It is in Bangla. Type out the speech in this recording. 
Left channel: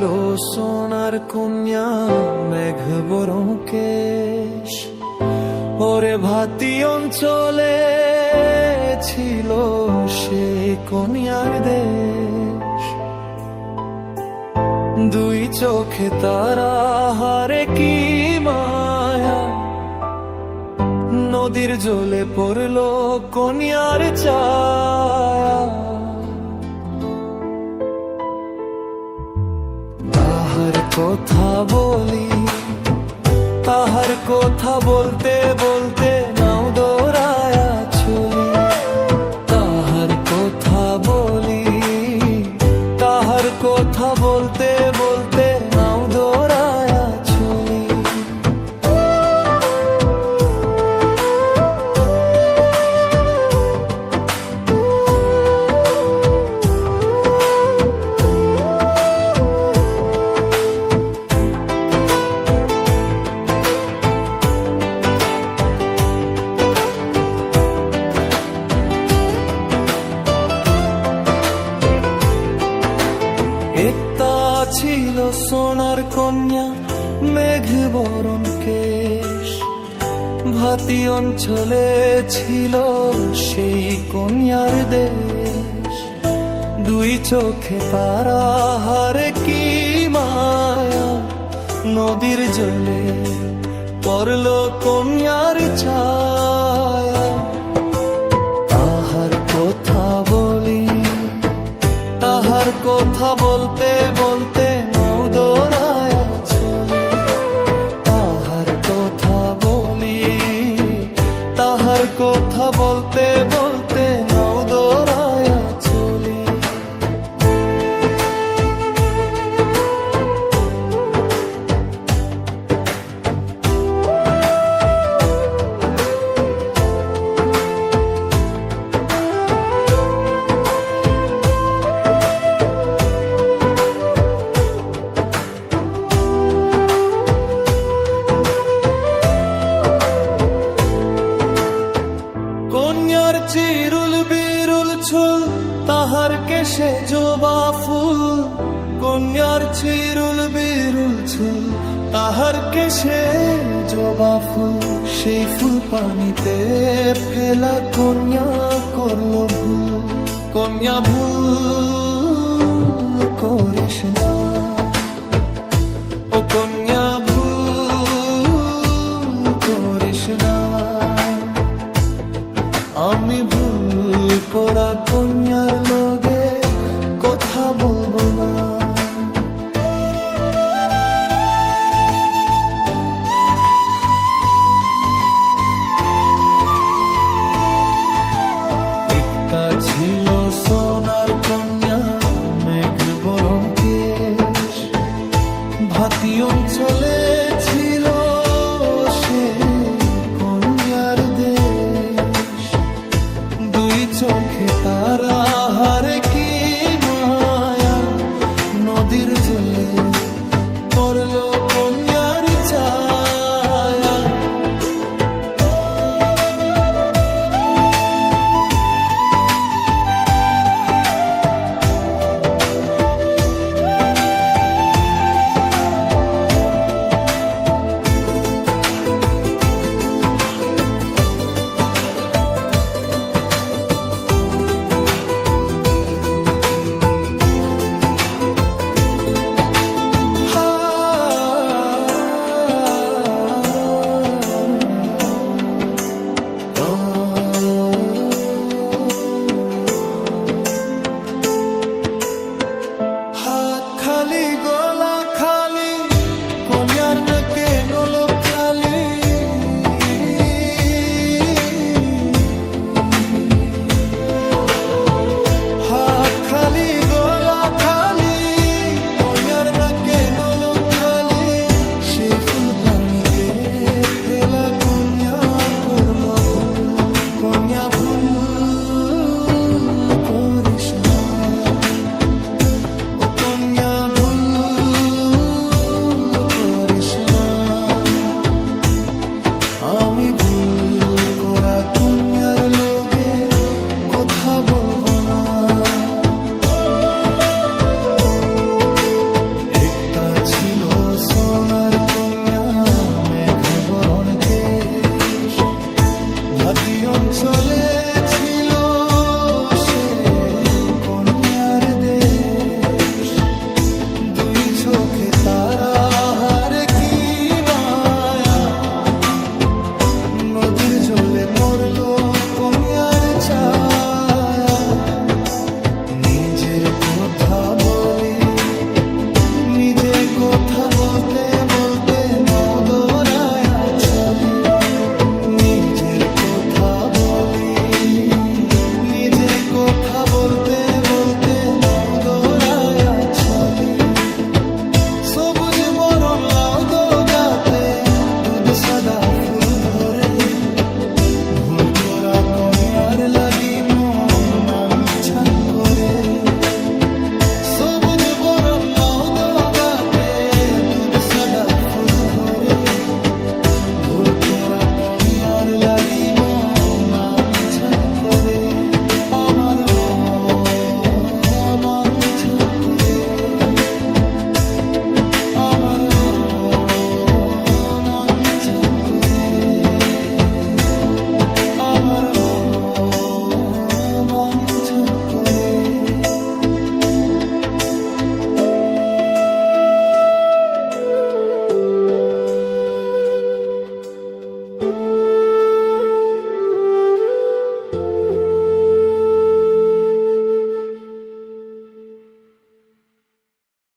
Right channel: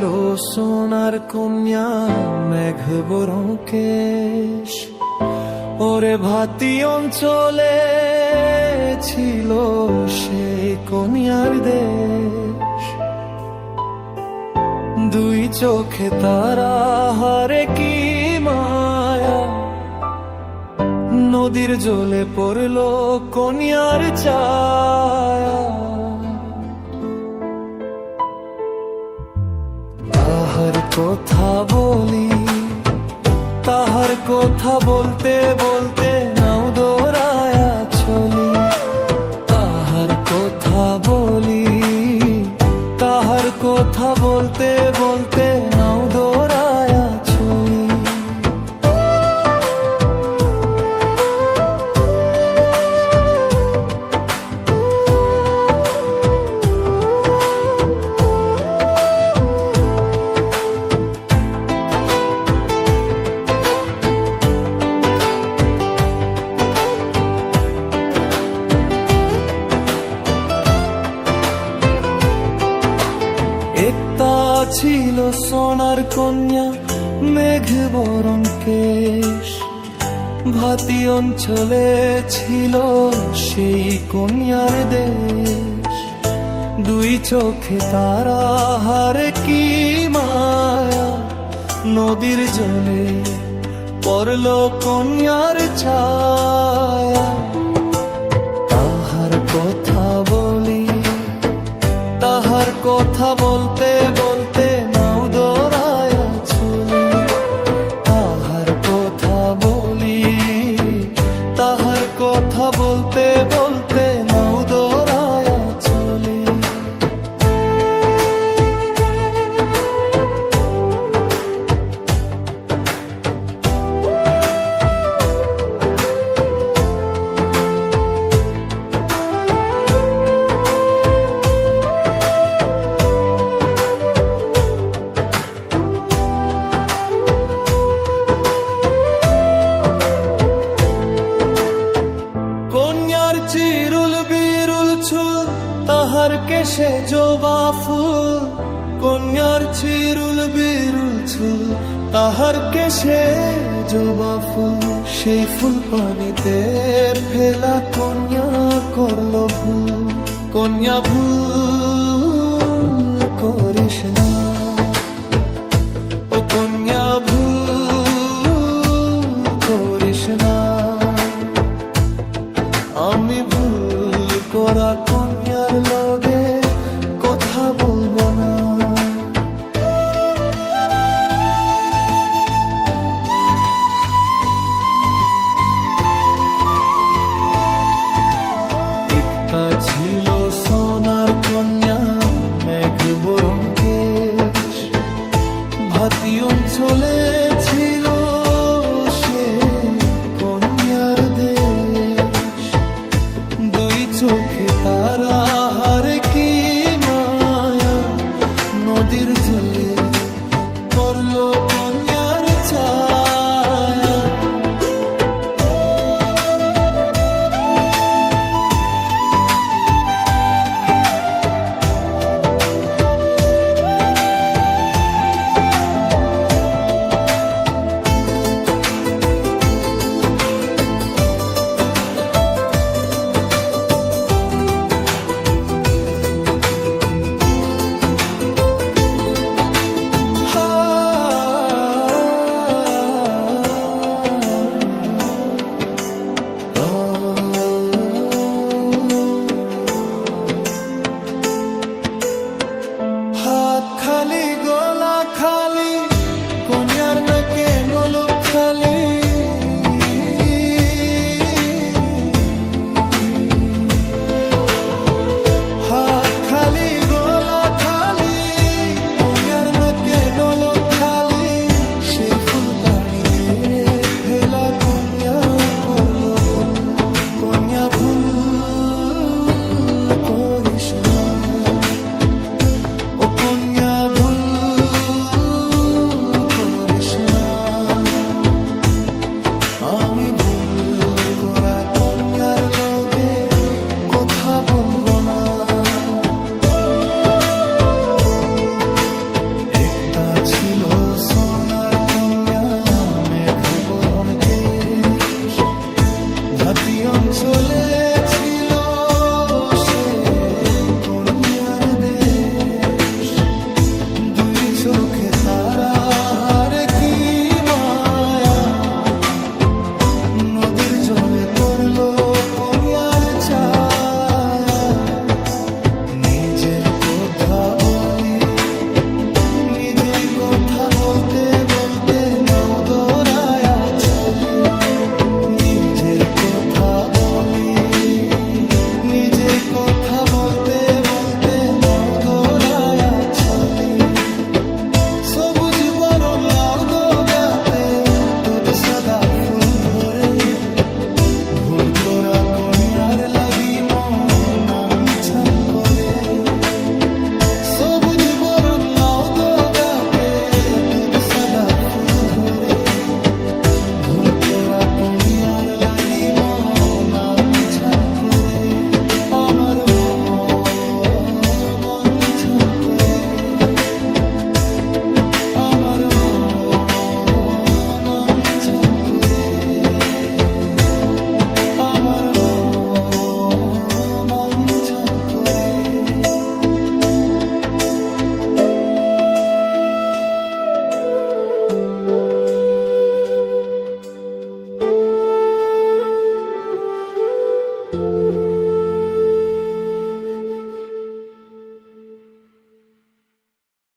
ছিল সোনার কন্যা মেঘ বরং কেশ, ওরে ভাতি অঞ্চলে ছিল সেই কন্যার দেশ। দুই চোখে তারা হারে কি মায়া, নদীর জলে পড়ল কন্যার ছায়া। তাহার কথা বলি, তাহার কথা বলতে বলতে নাও দৌড়ায়া চলি। তাহার কথা বলি, তাহার কথা বলতে বলতে নাও দৌড়ায়া চলি। একটা ছিল সোনার কন্যা মেঘ বরণ কেশ, ভাতি অঞ্চলে ছিল সেই কন্যার দেশ। দুই চোখে তারা হারে কি মায়া, নদীর জলে পড়ল কন্যার ছায়া। তাহার কথা বলি, তাহার কথা বলতে বলতে নাও দৌড়ায়া চলি। তাহার কথা বলি, তাহার কথা বলতে বলতে নাও দৌড়ায়া চলি। কন্যার চিরুল বিরুল চুল, তাহার কেশে জবা ফুল। কন্যার চিরুল বিরুল চুল, তাহার কেশে জবা ফুল। সেই ফুল পানিতে ফেলা কন্যা করল ভুল। কন্যা ভুল করিস না, ও কন্যা ভুল করিস না। আমি ভুল করা কন্যার লগে কথা বলবো না। একটা ছিল সোনার কন্যা মেঘ বরণ কেশ, ভাতি অঞ্চলে ছিল সে কন্যার দেশ। দুই চোখে তারা হারে কি মায়া, নদীর জলে পড়ল কন্যার ছায়া। হাত খালি গলা খালি, কন্যার নাকে নলক খালি। হাত খালি গলা খালি, কন্যার নাকে নলক খালি। সেই ফুল পানিতে ফেলা কন্যা করল ভুল। কন্যা ভুল করিস না, ও কন্যা ভুল করিস না। আমি ভুল করা কন্যার লগে কথা বলবো না। ছিল সোনার কন্যা মেঘ বরণকে, ভাতি অঞ্চলে ছিল সে কন্যার দেশ। দুই চোখে তারা হারে কি মায়া, নদীর জলে পড়লো কন্যার ছায়া। নিজের কথা বলি, নিজের কথা বলতে বলতে নাও দৌড়ায়া চলি। নিজের কথা বলি, নিজের কথা বলতে বলতে নাও দৌড়ায়া চলি। সবুজ বরণ লাউ দোগাতে দুধ সাদা ফুল ভরে, ভুল করা কন্যার লাগি মন আনছান করে। সবুজ বরণ লাউ দোগাতে দুধ সাদা ফুল ধরে, ভুল করা কন্যার লাগি মন আনছান করে। আমার মন আনছান করে, আমার মন